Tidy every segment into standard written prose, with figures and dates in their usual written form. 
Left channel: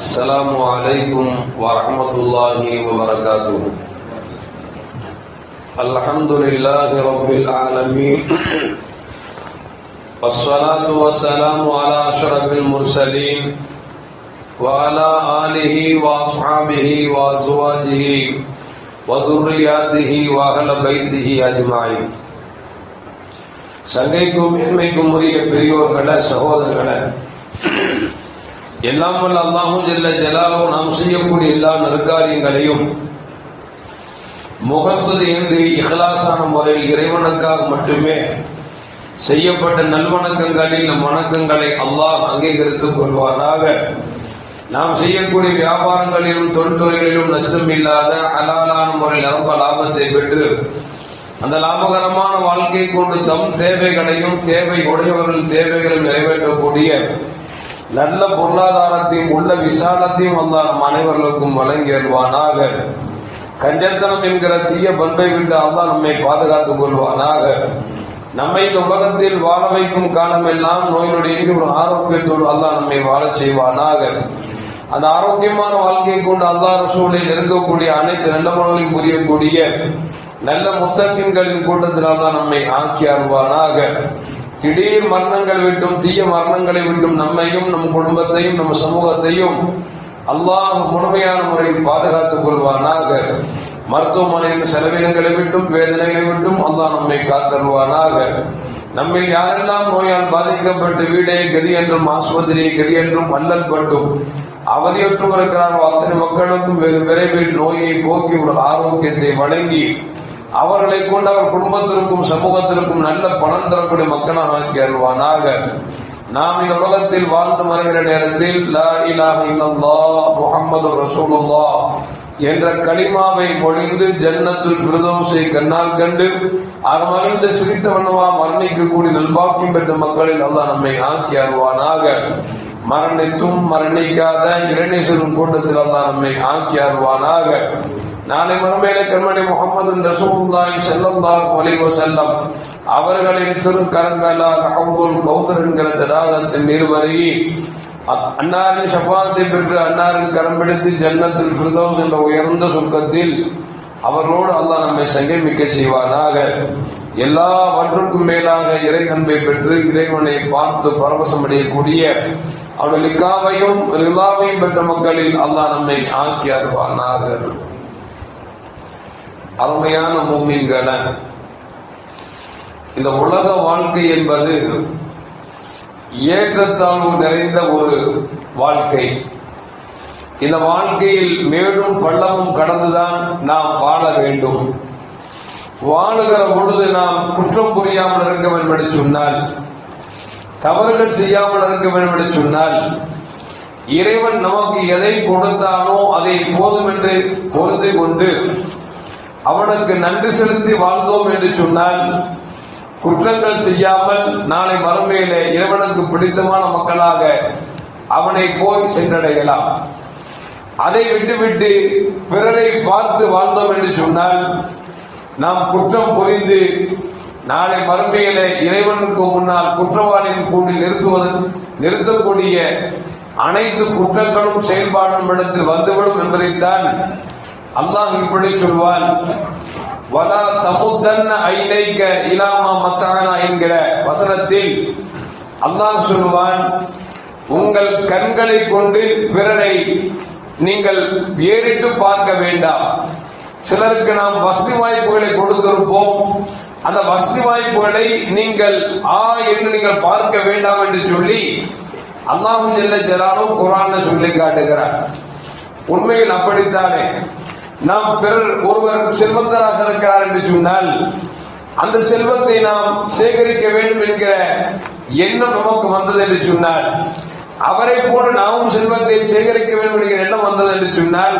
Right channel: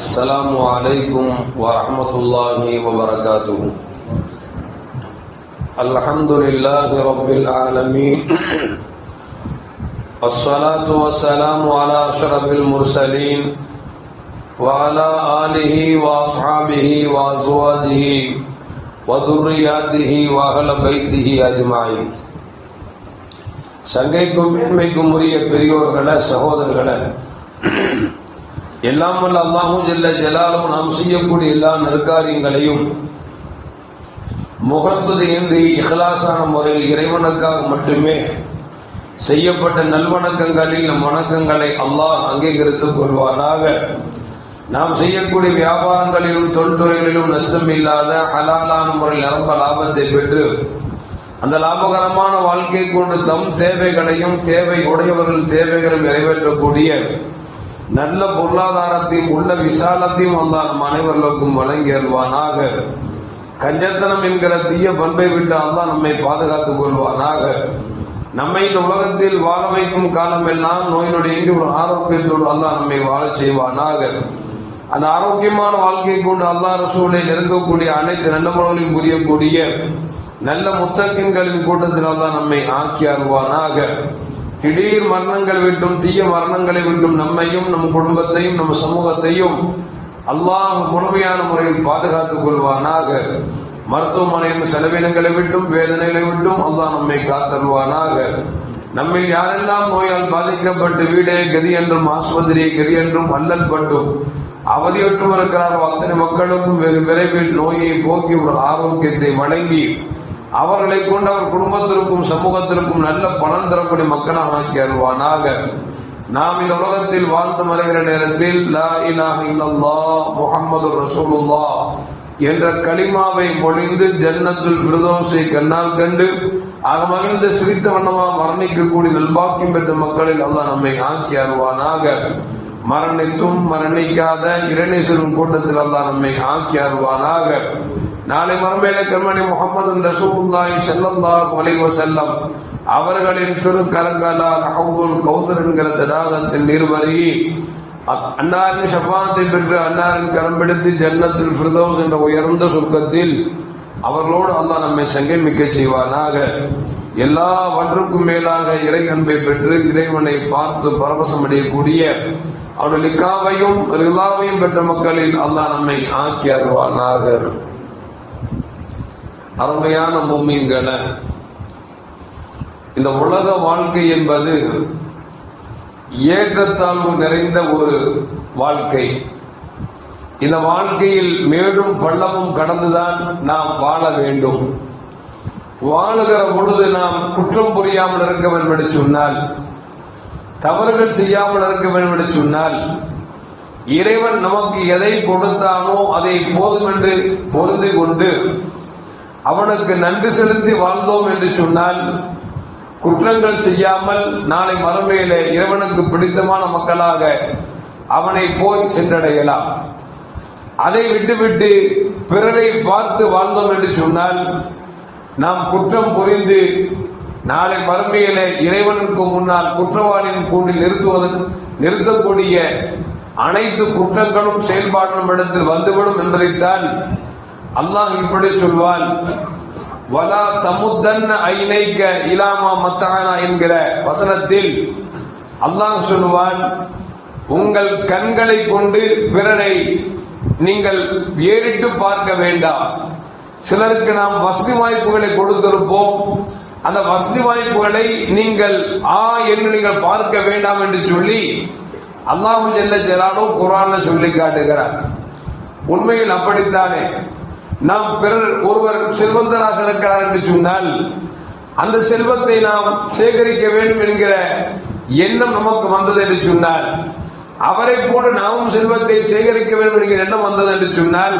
السلام عليكم ورحمة الله وبركاته. الحمد لله رب العالمين، الصلاة والسلام على أشرف المرسلين وعلى آله وأصحابه وأزواجه وذرياته وأهل بيته أجمعين. சங்கைக்கும் மேன்மைக்கும் உரிய பெரியோர்களே, சகோதரர்களே, எல்லாம் வல்ல அல்லாஹ் ஜல்ல ஜலாலுஹு நாம் செய்யக்கூடிய எல்லா நற்காரியங்களையும் முகஸ்துதியின்றி இஹ்லாஸான முறையில் இறைவனுக்காக மட்டுமே செய்யப்பட்ட நல்வணக்கங்களில் வணக்கங்களை அல்லாஹ் அங்கீகரித்துக் கொள்வாராக. நாம் செய்யக்கூடிய வியாபாரங்களிலும் தொழில்துறைகளிலும் நஷ்டம் இல்லாத ஹலாலான முறையில் நிரம்ப லாபத்தை பெற்று அந்த லாபகரமான வாழ்க்கை கொண்டு தம் தேவைகளையும் தேவை உடையவர்களின் தேவைகளும் நிறைவேற்றக்கூடிய நல்ல பொருளாதாரத்தையும் உள்ள விசாலத்தையும் வந்தால் அனைவர்களுக்கும் வழங்கி வருவானாக. கஞ்சத்தனம் என்கிற தீய பண்பை விட்டு அல்லாஹ் நம்மை பாதுகாத்துக் கொள்வானாக. நம்மை இந்த உலகத்தில் வாழ வைக்கும் காலம் எல்லாம் நோயினுடைய ஆரோக்கியத்தோடு அல்லாஹ் நம்மை வாழச் செய்வானாக. அந்த ஆரோக்கியமான வாழ்க்கை கொண்டு அல்லாஹ் ரசூலை நெருங்கக்கூடிய அனைத்து நல்லவர்களையும் புரியக்கூடிய நல்ல முத்தகின்களின் கூட்டத்தில் அல்லாஹ் நம்மை ஆக்கி அருள்வானாக. திடீர் மரணங்கள் விட்டும் தீய மரணங்களை விட்டும் நம்மையும் நம் குடும்பத்தையும் நம் சமூகத்தையும் அல்லாஹ் முழுமையான முறையில் பாதுகாத்துக் கொள்வானாக. மருத்துவமனையில் செலவினங்களை விட்டும் வேதனைகளை விட்டும் அல்லாஹ் நம்மை காத்தருவானாக. நம்மில் யாரெல்லாம் நோயால் பாதிக்கப்பட்டு வீடே கதி என்றும் ஆஸ்பத்திரியை கதி என்றும் அல்லல் பட்டும் அவதியற்றும் இருக்கிறார் அத்தனை மக்களுக்கும் வெகு விரைவில் நோயை போக்கி ஒரு ஆரோக்கியத்தை வழங்கி அவர்களை கொண்டு அவர் குடும்பத்திற்கும் சமூகத்திற்கும் நல்ல பணம் தரக்கூடிய மக்களாக ஆக்கி அருள்வானாக. நாம் இந்த உலகத்தில் வாழ்ந்து மறைகிற நேரத்தில் லா இலாஹ இல்லல்லாஹ் முஹம்மது ரசூலுல்லாஹ் என்ற கலிமாவை பொழிந்து ஜன்னத்துல் ஃபிர்தௌஸை கண்ணால் கண்டு மகிழ்ந்து சிரித்தவனவா மரணிக்கக்கூடிய நல்வாக்கியம் பெற்ற மக்களில் அல்லாஹ் நம்மை ஆக்கி அருள்வானாக. மரணித்தும் மரணிக்காத இரண்டேஸ்வரன் கூட்டத்தில் அல்லாஹ் நம்மை ஆக்கி அருள்வானாக. நாளை மறுமையிலே கண்மணி முஹம்மது ரசூலுல்லாஹி ஸல்லல்லாஹு அலைஹி வஸல்லம் அவர்களின் திருக்கரம் மேலால் ஹவ்துல் கௌஸர் என்கிற தடாகத்தில் நீர்மருகி அன்னாரின் ஷஃபாஅத்தை பெற்று அன்னாரின் கரம் பிடித்து ஜன்னத்துல் ஃபிர்தௌஸ் என்ற உயர்ந்த சொர்க்கத்தில் அவர்களோடு அல்லாஹ் நம்மை சங்கமிக்க செய்வானாக. எல்லாவற்றுக்கும் மேலாக இறை அன்பை பெற்று இறைவனை பார்த்து பரவசம் அடையக்கூடிய அவருடைய லிக்காவையும் ரிலாவையும் பெற்ற மக்களில் அல்லாஹ் நம்மை ஆக்கி அருள்வானாக. அருமையான மூமின்களே, இந்த உலக வாழ்க்கை என்பது ஏற்றத்தாழ்வு நிறைந்த ஒரு வாழ்க்கை. இந்த வாழ்க்கையில் மேலும் பள்ளமும் கடந்துதான் நாம் வாழ வேண்டும். வாழுகிற பொழுது நாம் குற்றம் புரியாமல் இருக்க வேண்டும் என்று சொன்னால், தவறுகள் செய்யாமல் இருக்க வேண்டும் என்று சொன்னால், இறைவன் நமக்கு எதை கொடுத்தானோ அதை போதும் என்று பொருந்தி கொண்டு அவனுக்கு நன்றி செலுத்தி வாழ்ந்தோம் என்று சொன்னால், குற்றங்கள் செய்யாமல் நாளை மறுமையிலே இறைவனுக்கு பிடித்தமான மக்களாக அவனை போய் சென்றடையலாம். அதை விட்டுவிட்டு பிறரை பார்த்து வாழ்ந்தோம் என்று சொன்னால், நாம் குற்றம் புரிந்து நாளை மறுமையிலே இறைவனுக்கு முன்னால் குற்றவாளியின் கூண்டில் நிறுத்தக்கூடிய அனைத்து குற்றங்களும் செயல்பாடும் இடத்தில் வந்துவிடும் என்பதைத்தான் அல்லாஹ் இப்படி சொல்வான். வலா தமுத்தன்ன ஐனைக்க இலாமா மத்தனா என்கிற வசனத்தில் அல்லாஹ் சொல்வான், உங்கள் கண்களை கொண்டு பிறரை நீங்கள் ஏறிட்டு பார்க்க வேண்டாம். சிலருக்கு நாம் வசதி வாய்ப்புகளை கொடுத்திருப்போம், அந்த வசதி வாய்ப்புகளை நீங்கள் என்று நீங்கள் பார்க்க வேண்டாம் என்று சொல்லி அல்லாஹ் ஜல்ல ஜலாலுஹு குர்ஆன்ல சொல்லி காட்டுகிறார். உண்மையில் அப்படித்தானே. நாம் பிறர் ஒருவர் செல்வந்தராக இருக்கிறார் என்று சொன்னால் அந்த செல்வத்தை நாம் சேகரிக்க வேண்டும் என்கிற எண்ணம் நமக்கு வந்தது என்று சொன்னால், அவரை போன்று நாமும் செல்வத்தை சேகரிக்க வேண்டும் என்கிற எண்ணம் வந்தது என்று சொன்னால்,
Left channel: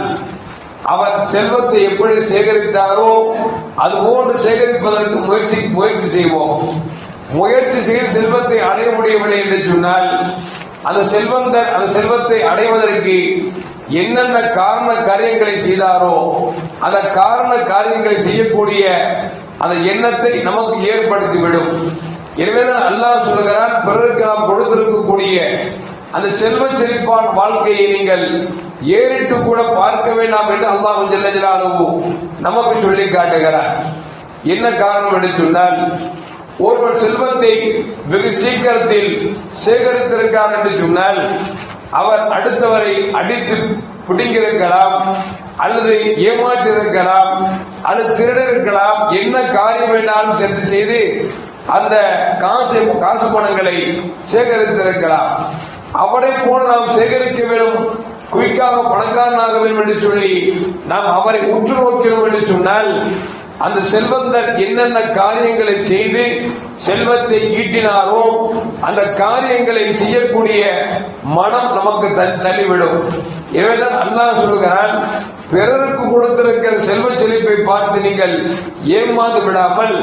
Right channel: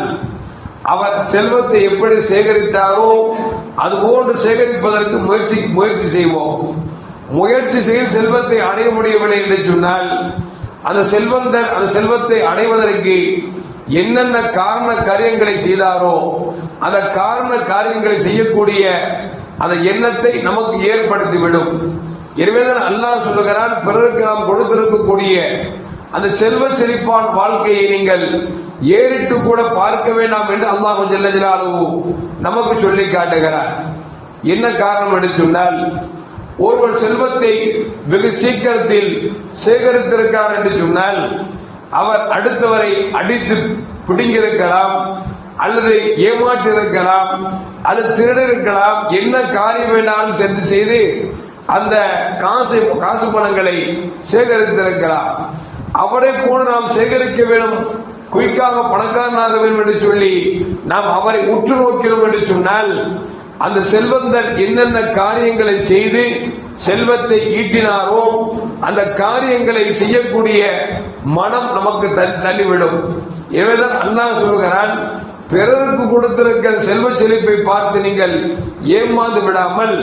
அவர் செல்வத்தை எப்படி சேகரித்தாரோ அதுபோன்று சேகரிப்பதற்கு முயற்சி செய்வோம். முயற்சி செய்து செல்வத்தை அடைய முடியவில்லை என்று சொன்னால், அந்த செல்வத்தை அடைவதற்கு என்னென்ன காரண காரியங்களை செய்தாரோ அந்த காரண காரியங்களை செய்யக்கூடிய அந்த எண்ணத்தை நமக்கு ஏற்படுத்திவிடும். எனவேதான் அல்லாஹ் சொல்லுகிறான், பிறருக்கு நாம் கொடுத்திருக்கக்கூடிய அந்த செல்வ செழிப்பான வாழ்க்கையை நீங்கள் ஏறிட்டு கூட பார்க்க வேண்டாம் என்று அல்லாஹ் ஜல்ல ஜலாலுஹு நமக்கு சொல்லி காட்டுகிறார். என்ன காரணம் என்று சொன்னால், ஒருவர் செல்வத்தை வெகு சீக்கிரத்தில் சேகரித்திருக்கார் என்று சொன்னால் அவர் அடுத்தவரை அடித்து பிடிங்கிருக்கலாம், அல்லது ஏமாற்றிருக்கலாம், அல்லது திருடிருக்கலாம். என்ன காரியம் வேண்டாலும் சென்று செய்து அந்த காசு பணங்களை சேகரித்திருக்கலாம். அவரை போல நாம் சேகரிக்க வேண்டும், குயிக்காக பணக்காரனாக வேண்டும் என்று சொல்லி நாம் அவரை உற்று நோக்கிறோம் என்று சொன்னால், அந்த செல்வந்தர் என்னென்ன காரியங்களை செய்து செல்வத்தை ஈட்டினாரோ அந்த காரியங்களை செய்யக்கூடிய மனம் நமக்கு தள்ளிவிடும். எனவேதான் அல்லாஹ் சொல்கிறான், பிறருக்கு கொடுத்திருக்கிற செல்வ செழிப்பை பார்த்து நீங்கள் ஏமாந்து விடாமல்,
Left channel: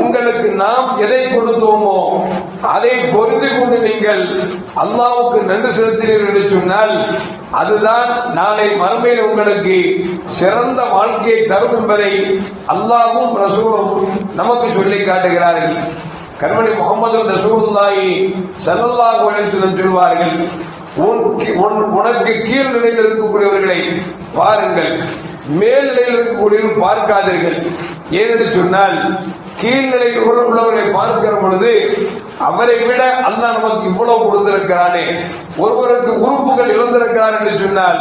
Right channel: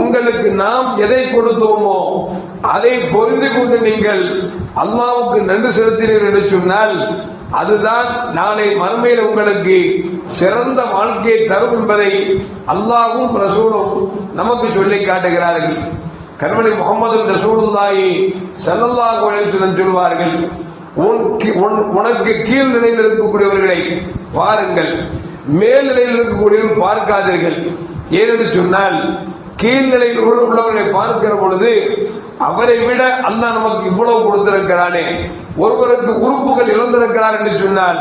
உங்களுக்கு நாம் எதை கொடுத்தோமோ அதை பொருந்தி கொண்டு நீங்கள் அல்லாஹ்வுக்கு நன்றி செலுத்தினீர்கள் என்று சொன்னால் அதுதான் நாளை மறுமையில் உங்களுக்கு சிறந்த வாழ்க்கையை தரும் என்பதை அல்லாஹ்வும் ரசூலும் நமக்கு சொல்லி காட்டுகிறார்கள். கண்மணி முகமது ரசூலுல்லாஹி ஸல்லல்லாஹு அலைஹி வஸல்லம் சொல்வார்கள், உனக்கு கீழ் நிலையில் இருக்கக்கூடியவர்களை பாருங்கள், மேல் நிலையில் இருக்கக்கூடியவர்கள் பார்க்காதீர்கள். ஏனென்று சொன்னால் கீழ்நிலையில் உள்ளவர்களை பார்க்கிற பொழுது அவரை விட அல்லாஹ் நமக்கு இவ்வளவு கொடுத்திருக்கிறானே, ஒருவருக்கு உறுப்புகள் இழந்திருக்கிறார் என்று சொன்னால்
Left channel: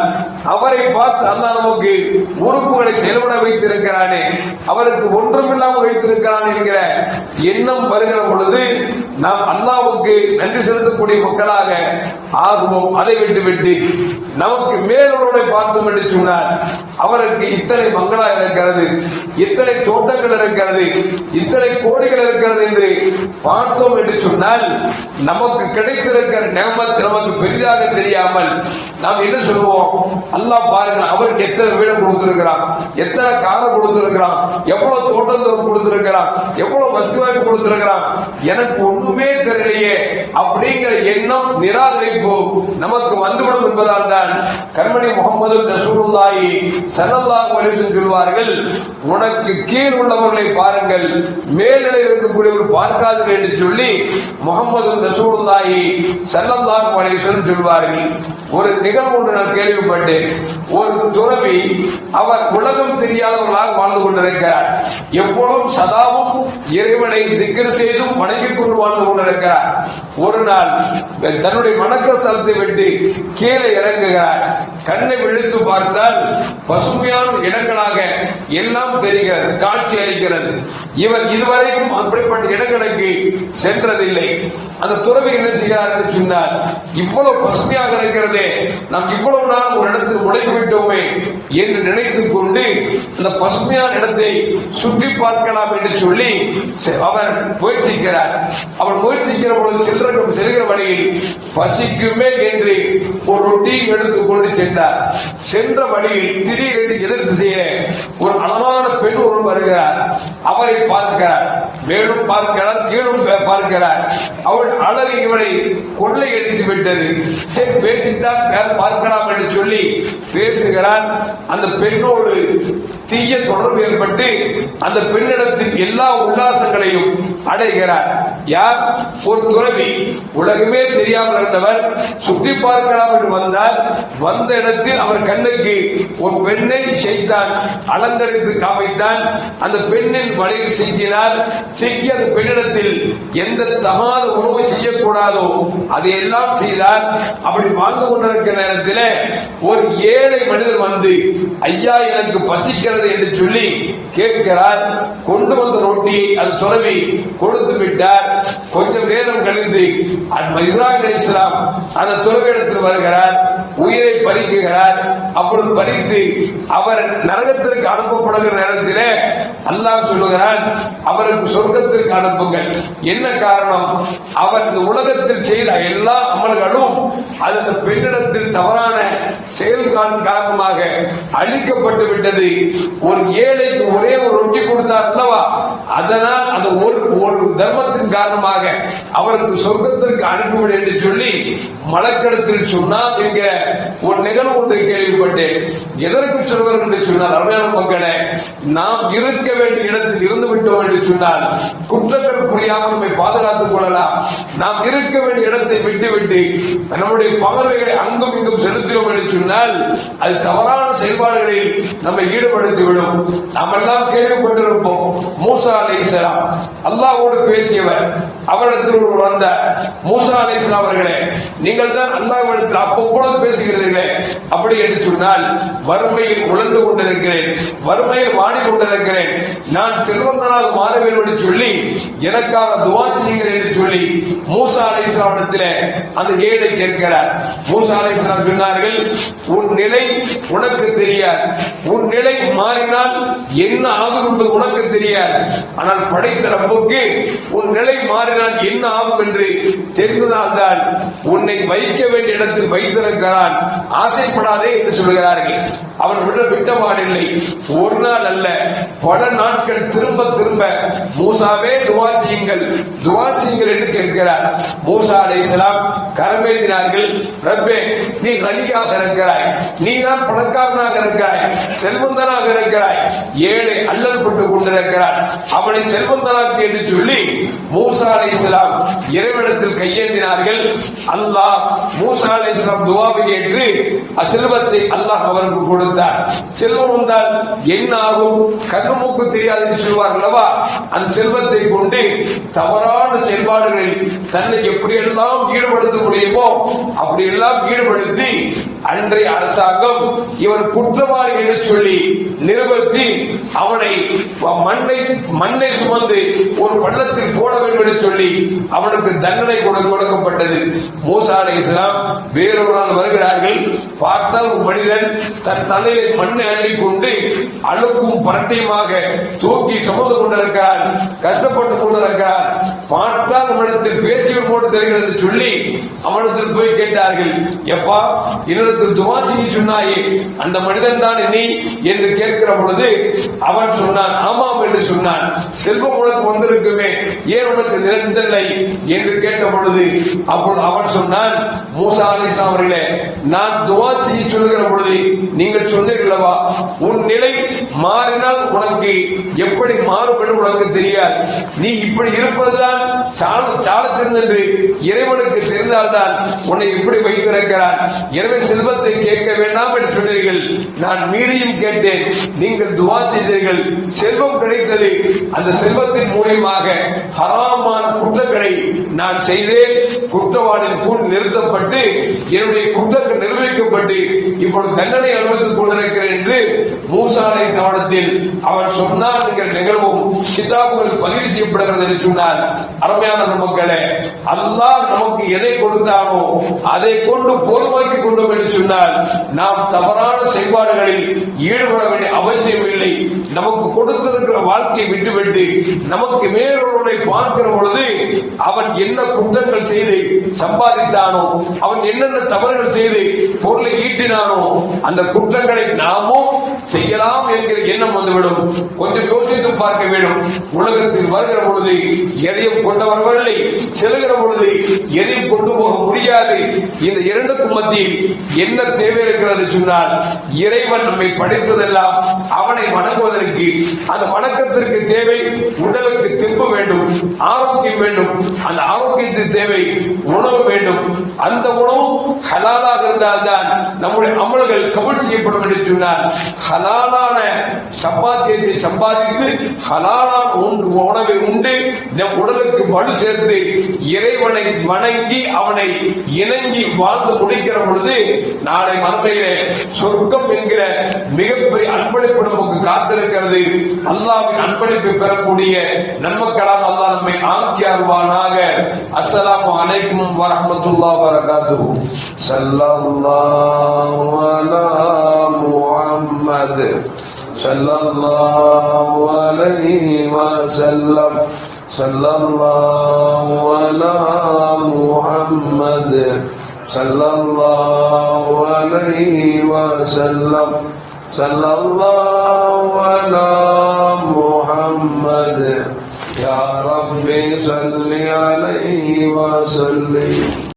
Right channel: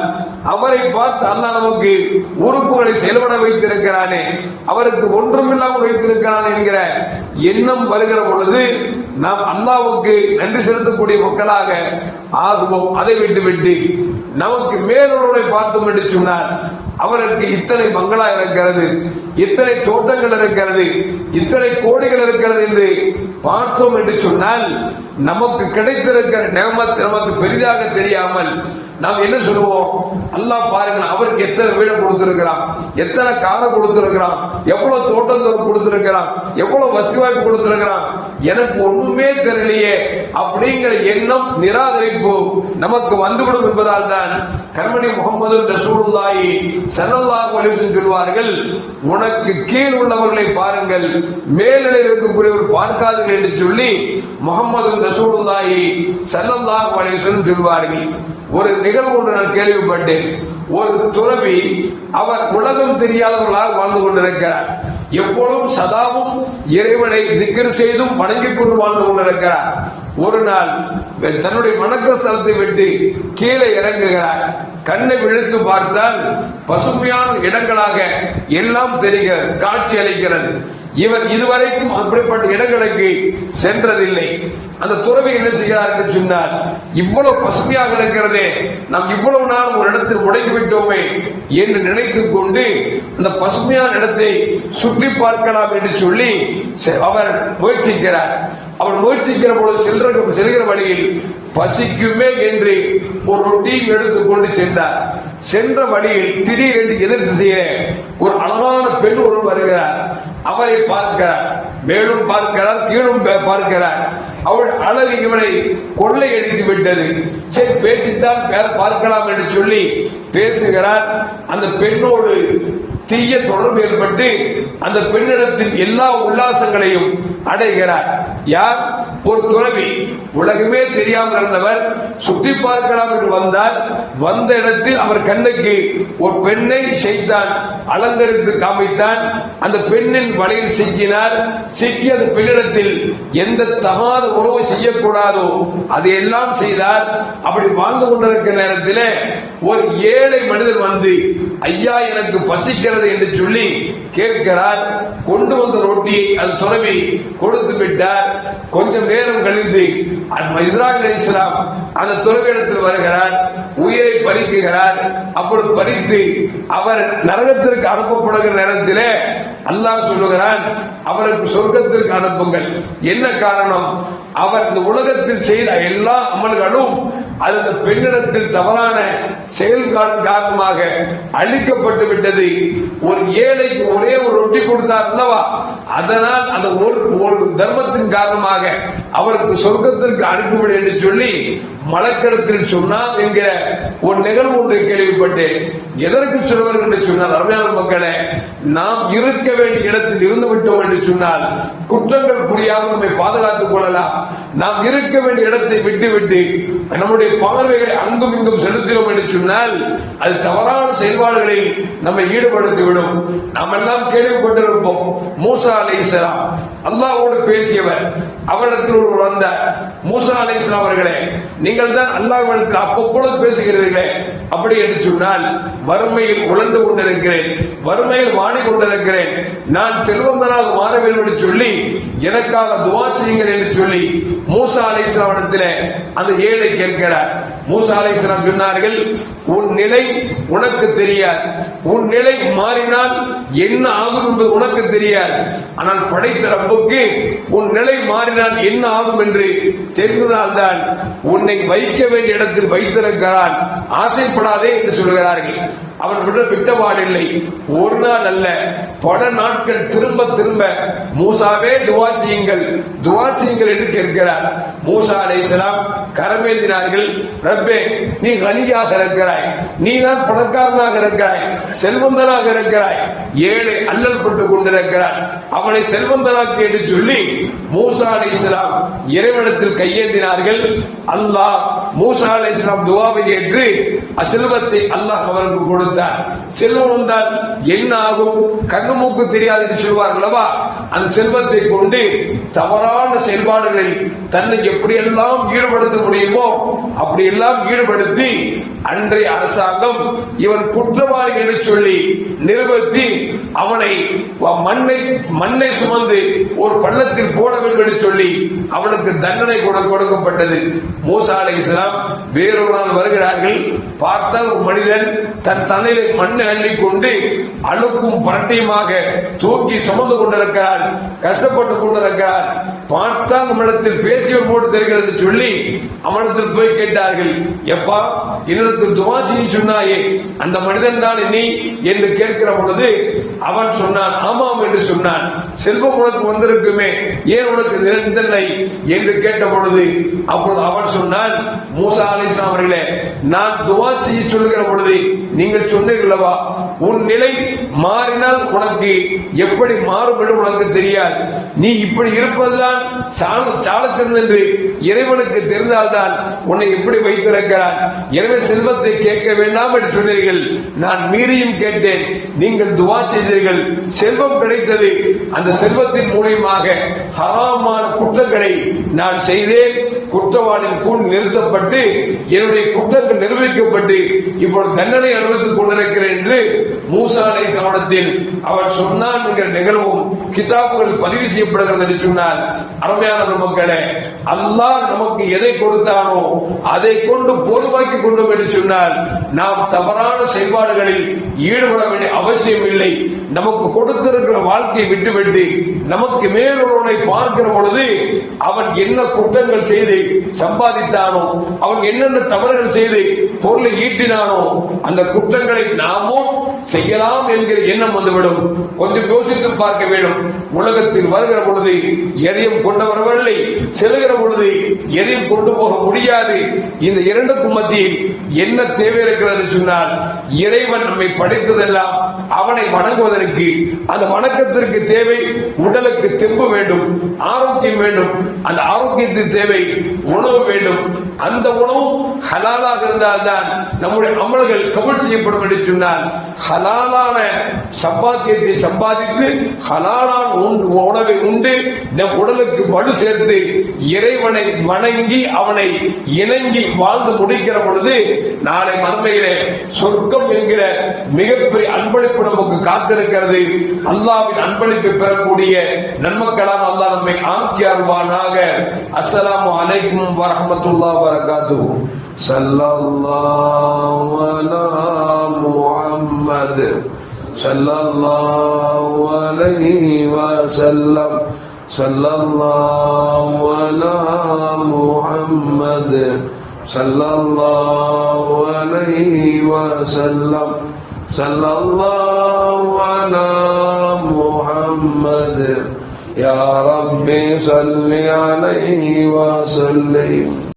அவரை பார்த்து அல்லாஹ் நமக்கு உறுப்புகளை செயல்பட வைத்திருக்கிறானே, அவருக்கு ஒன்றுமில்லாமல் வைத்திருக்கிறான் என்கிற எண்ணம் வருகிற பொழுது நாம் அல்லாஹ்வுக்கு நன்றி செலுத்தக்கூடிய மக்களாக ஆகுவோம். அதை விட்டுவிட்டு நமக்கு மேலவர்களை பார்த்தோம் என்று சொன்னால் அவருக்கு இத்தனை பங்களா இருக்கிறது, இத்தனை தோட்டங்கள் இருக்கிறது, இத்தனை கோடிகள் இருக்கிறது என்று பார்த்தோம் என்று சொன்னால் நமக்கு கிடைத்திருக்கிற நியமத் நமக்கு பெரிதாக தெரியாமல் நாம் என்ன சொல்லுவோம், அல்லாஹ் பாருங்கள் அவருக்கு எத்தனை வீடு கொடுத்திருக்கிறான், எத்தனை காலம் கொடுத்திருக்கிறான், எவ்வளவு தோட்டங்கள் கொடுத்திருக்கிறான், எவ்வளவு வசதி வாய்ப்பு கொடுத்திருக்கிறான், எனக்கு ஒண்ணுமே தெரியலையே அப்படிங்கிற எண்ணம் நிராகரிப்பு நமக்கு வந்துவிடும் என்பதால் தான் கண்மணி முகமது ரசூலுல்லாஹி ஸல்லல்லாஹு அலைஹி வஸல்லம் சொல்வார்கள், உனக்கு கீழ் உள்ளவர்களை பாருங்கள், மேல்நிலையில் இருக்கக்கூடியவர்கள் பார்க்காதீர்கள் என்று சொல்லி முகமது ரசூலுல்லாஹி ஸல்லல்லாஹு அலைஹி வஸல்லம் சொல்வார்கள். ஒரு நிகழ்வு ஒன்று நான் கேள்விப்பட்டேன். ஒரு துறவி அவர் உலகம் தெரியாதவர்களாக வாழ்ந்து கொண்டிருக்கிறார். எப்போதும் சதாவும் இறைவனை திக்ர் செய்தும் வணங்கிக் கொண்டு வாழ்ந்து கொண்டிருக்கிறார். ஒரு நாள் தன்னுடைய வணக்க ஸ்தலத்தை விட்டு கீழே இறங்குகிறார். கண்ணை விழித்து பார்த்தால் பசுமையான இடங்களாக எல்லாம் தெரிகிறது, காட்சி அளிக்கிறது. இவர் இதுவரைக்கும் அப்படிப்பட்ட இடங்களுக்கு சென்றதில்லை. அந்த துறவி என்ன செய்கிறார் என்று சொன்னார், இவ்வளவு பசுமையாக இருக்கிறதே, நாம் இவ்வளவு நாள் ஒரு இடத்தில் உடைத்து விட்டோமே என்று நினைத்துக் கொண்டு அந்த பசுமையான இடத்தை சுற்றி பார்க்கலாம் என்று சொல்லி அவர் முயற்சிக்கிறார். அவர் முயற்சிக்கிற பொழுது செல்கிற வழியில் பசிக்குமே என்று ஒரு ரொட்டியை எடுத்துக் கொண்டு சென்றார். சென்ற வழியில் திடீரென்று எதிர் திசையே ஒரு அழகான பெண் ஒன்று வருகிறார். அவரை பார்க்கிறார், மேலும் பார்க்கிறார், கீழும் பார்க்கிறார். அவள் அழகு இவரை கொள்ளை அடித்து விட்டது. சரி பேசித்தான் பார்க்கலாம் என்று சொல்லி பேசுகிறார். அந்த பெண்ணோடு தீய தொடர்பு ஏற்பட்டு அந்த பெண்ணிடத்தில் எல்லா உல்லாசங்களையும் அடைகிறார். யார்? ஒரு துறவி. உலகமே தெரியாமல் இருந்தவர் சுற்றி பார்க்கலாம் என்று வந்தார். வந்த இடத்தில் அவர் கண்ணுக்கு ஒரு பெண்ணை செய்தான் அலங்கரித்து காமித்தான். அந்த பெண்ணின் வலையில் சிக்கினார். சிக்கி அந்த பெண்ணிடத்தில் எந்த தகாத உணவு செய்யக்கூடாதோ அதையெல்லாம் செய்தார். அப்படி வாழ்ந்து கொண்டிருக்கிற நேரத்தில் ஒரு ஏழை மனிதர் வந்து, ஐயா எனக்கு பசிக்கிறது என்று சொல்லி கேட்கிறார். கொண்டு வந்த ரொட்டியை அந்த துறவி கொடுத்து விட்டார். கொஞ்சம் நேரம் கழிந்து இஸ்ராயீல் அலைஹிஸ்ஸலாம் அந்த துறவியிடத்தில் வருகிறார், உயிரை பறிக்குகிறார். அப்பொழுது பறித்து அவர் நரகத்திற்கு அனுப்பப்படுகிற நேரத்தில் அல்லாஹ் சொல்லுகிறான், அவருக்கு சொர்க்கத்திற்கு அனுப்புங்கள். என்ன காரணம்? அவர் இந்த உலகத்தில் செய்த எல்லா அமல்களும் அந்த பெண்ணிடத்தில் தவறான செயல்காரணம் காரணமாக அழிக்கப்பட்டு விட்டது. ஒரு ஏழைக்கு ஒரே ஒரு ரொட்டி கொடுத்தார் அல்லவா, அதனால் அந்த ஒரு தர்மத்தின் காரணமாக அவருக்கு சொர்க்கத்திற்கு அனுப்புங்கள் என்று சொல்லி மலக்கிடத்தில் சொன்னார் என்கிற ஒரு நிகழ்வு ஒன்றை கேள்விப்பட்டேன். எதற்கு சொல்வார் என்று சொன்னார், அருமையான மக்களே, நாம் இருக்க வேண்டிய இடத்தில் இருந்து விட்டோம் என்று சொன்னால் குற்றங்கள் புரியாமல் நம்மை பாதுகாத்துக் கொள்ளலாம். நாம் இருக்க வேண்டிய இடத்தை விட்டுவிட்டு நம்முடைய பார்வைகளை அங்கும் இங்கும் செலுத்தினோம் என்று சொன்னால் அது தவறான செயல்பாடுகளில் நம்மை ஈடுபடுத்திவிடும். நாம் எல்லாம் கேள்விப்பட்டிருப்போம், மூசா அலைஹிஸ்ஸலாம் அல்லாஹ்வோடு பேசியவர். அவரிடத்தில் ஒரு வந்த மூசா அலைஹிஸ்ஸலாம் அவர்களே, நீங்கள் தான் அல்லாஹ்விடத்தில் அப்பப்போது பேசுகிறீர்களே, அப்படி என்று சொன்னால் வறுமையில் உழந்து கொண்டிருக்கிறேன், வறுமையில் வாடிக்கொண்டிருக்கிறேன், நான் செல்வந்தராக மாற வேண்டும் என்று சொல்லி எனக்காக துஆ செய்யுங்கள் என்று சொல்லி மூசா அலைஹிஸ்ஸலாம் இடத்திலே அந்த ஏழை கேட்கிறார். மூசா அலைஹிஸ்ஸலாம் சொன்னார்கள், உன் நிலை உனக்கு தெரியாது, உன் நிலை மாறினால் என்ன ஆகும் என்று உனக்கு தெரியாது, ஆனால் படைத்த ரப்புக்கு உன் நிலை மாறினால் என்ன ஆகும் என்று தெரிந்ததால்தான் உன்னை வைக்க வேண்டிய இடத்தில் வைத்திருக்கிறான், ஆசைப்படாதே என்று சொல்கிறார்கள். அவர் விட்டபாடில்லை, ஒரு நாள் அல்ல பல நாட்கள் திரும்ப திரும்ப மூசாவே துஆ செய்யுங்கள், துஆ செய்யுங்கள் என்று கேட்கிறார். மூசா அலைஹிஸ்ஸலாம் கரமேந்தினார்கள். ரப்பே, நீ கனியாக இருக்கிறாய், நீ தான் பணக்காரனாக இருக்கிறாய், செல்வந்தனாக இருக்கிறாய், ஏழை அல்லல்பட்டுக் கொண்டிருக்கிறார், அவனை செல்வந்தனாக்கு என்று சொல்லி மூசா அலைஹிஸ்ஸலாம் இறைவனிடத்தில் கையேந்தினார்கள். அல்லாஹ் மூசா அலைஹிஸ்ஸலாம் துஆவை ஏற்று செல்வத்தை அல்லாஹ் அவருக்கு கொடுத்தார். செல்வம் வந்தால் என்ன ஆகும், கண்ணு மூக்கு தெரியாது என்று சொல்வார்களா, அந்த செல்வத்தை கொண்டு தவறான செயல்பாடுகளில் தன்னை எப்படியெல்லாம் ஈடுபடுத்த முடியுமோ அப்படியெல்லாம் ஈடுபடுத்தி அன்றைய அரசாங்கம் இவன் குற்றவாளி என்று சொல்லி நிறுவனத்தி அவனை மண்ணை சுமந்து ஒரு பள்ளத்தில் போட வேண்டும் என்று சொல்லி அவனுக்கு தண்டனை கொடுக்கப்பட்டது. மூசா அலைஹிஸ்ஸலாம் வேறொரு நாள் வருகிறார்கள். பார்த்தால் ஒரு மனிதன் தன் தலையிலே மண்ணை அள்ளிக் கொண்டு அழுக்கும் பரட்டையுமாக தூக்கி சுமந்து கொண்டிருக்கிறார், கஷ்டப்பட்டுக் கொண்டிருக்கிறார். பார்த்தால் உன்னிடத்தில் பேசியவர் போட்டு தெரிகிறது என்று சொல்லி அவனிடத்தில் போய் கேட்டார்கள், எப்பா என்னிடத்தில் துஆ செய்ய சொன்னாயே அந்த மனிதன் தான் நீ என்று கேட்கிற பொழுது அவன் சொன்னான், ஆமாம் என்று சொன்னான். செல்வம் உனக்கு வந்திருக்குமே, ஏன் உனக்கு நிரந்தனை என்று கேட்ட பொழுது அப்பொழுது அவன் சொன்னான், மூசா அலைஹிஸ்ஸலாம் அவர்களே, நான் துஆ செய்ய சொல்லுகிற பொழுது நீங்கள் சொன்னீர்களவா, உன் நிலை மாறினால் உனக்கு எப்படி மாறும் என்று உனக்கு தெரியாது, நீ இப்படி இருப்பதுதான் சால சிறந்தது என்று இறைவனுக்கு தெரிந்தால்தான் உன்னை எப்படி வைத்திருக்கிறான், எனவே செல்வத்தை கேட்க வேண்டாம் என்று சொன்னீர்கள், நான் மீறியும் கேட்டேன், நீங்கள் துஆ செய்தீர்கள், செல்வம் கிடைத்தது, அந்த செல்வத்தின் மூலமாக ஹராமான குற்றங்களை நான் செய்தேன், குற்றவாளியின் கூண் நிறுத்தப்பட்டு என்னுடைய குற்றங்கள் நிரூபிக்கப்பட்டு இப்பொழுது தண்டனை அனுபவித்துக் கொண்டிருக்கிறேன் என்று மூசா அலைஹிஸ்ஸலாமிடத்தில் அவர் சொன்னார் என்கிற நிகழ்வும் கிதாபுகளில் பதிவு செய்யப்படுகிறது என்று சொன்னார். அருமையான மக்களே, அல்லாஹ் நமக்கு எதை கொடுத்தானோ அதை கொண்டு போதுமாக்கி கொண்டோம் என்று சொன்னால் நாம் தவறான செயல்பாடுகளில் ஈடுபட வேண்டிய அவசியம் இல்லை. நமக்கு கொடுத்திருக்கிற வாழ்க்கையை விட்டுவிட்டு நமக்கு மேலொருவனை பார்க்கிற பொழுது அவன் என்ன குற்றங்கள் செய்து சம்பாதித்தானோ, அவன் என்னென்ன தவறுகள் செய்து பொருளை ஈட்டினானோ அந்த குற்றங்களை நாமும் செய்யலாம் என்கிற எண்ணம் வந்துவிடும். கொஞ்சம் யோசித்து பார்க்க வேண்டும். உலகத்தில் வருகிற பொழுது எதையும் கொண்டு வரவில்லை, செல்கிற பொழுது எதையும் கொண்டு போக முடியாது. இந்த இரண்டுக்கும் மத்தியில் என்ன தேவை இருக்கிறது சொன்னால், இறைவன் நம்மை படைத்ததெல்லாம் அவனை வணங்குவதற்கு, அந்த வணக்கத்திற்கு தேவை உடலுக்கு தெம்பு வேண்டும், ஆரோக்கியம் வேண்டும். அந்த ஆரோக்கியத்தின் தேவை உணவு வேண்டும். அந்த உணவு ஹலாலாக இருந்தால்தான் நம்முடைய அமல்கள் கபூல் செய்யப்படும் என்று சொன்னால், ஹலாலான சம்பாத்தியத்தை சம்பாதித்து ஹலாலான உணவை உண்டு நம் உடலுக்கு வலு சேர்த்து இறைவனை வணங்கி அவனை இணங்கி வாழ்ந்து முடிக்கிற பொழுது நாளை மறுமையிலே சொர்க்கம் என்கிற மிகப்பெரிய அன்பளிப்பு நமக்கு காத்திருக்கிறது. அல்லாஹ்வின் அன்பளிப்பு பெறக்கூடிய நன்மக்களால் அல்லாஹ் நம்மை ஆக்கியருள்வானாக. அஸ்ஸலாமு அலைக்கும் வரஹ்மத்துல்லாஹி வபரகாத்துஹு. ஸல்லல்லாஹு அலா முஹம்மத் ஸல்லல்லாஹு அலைஹி வஸல்லம். ஸல்லல்லாஹு அலா முஹம்மத் ஸல்லல்லாஹு அலைஹி வஸல்லம். ஸல்லல்லாஹு அலா முஹம்மத் يا رب صل عليه وسلم.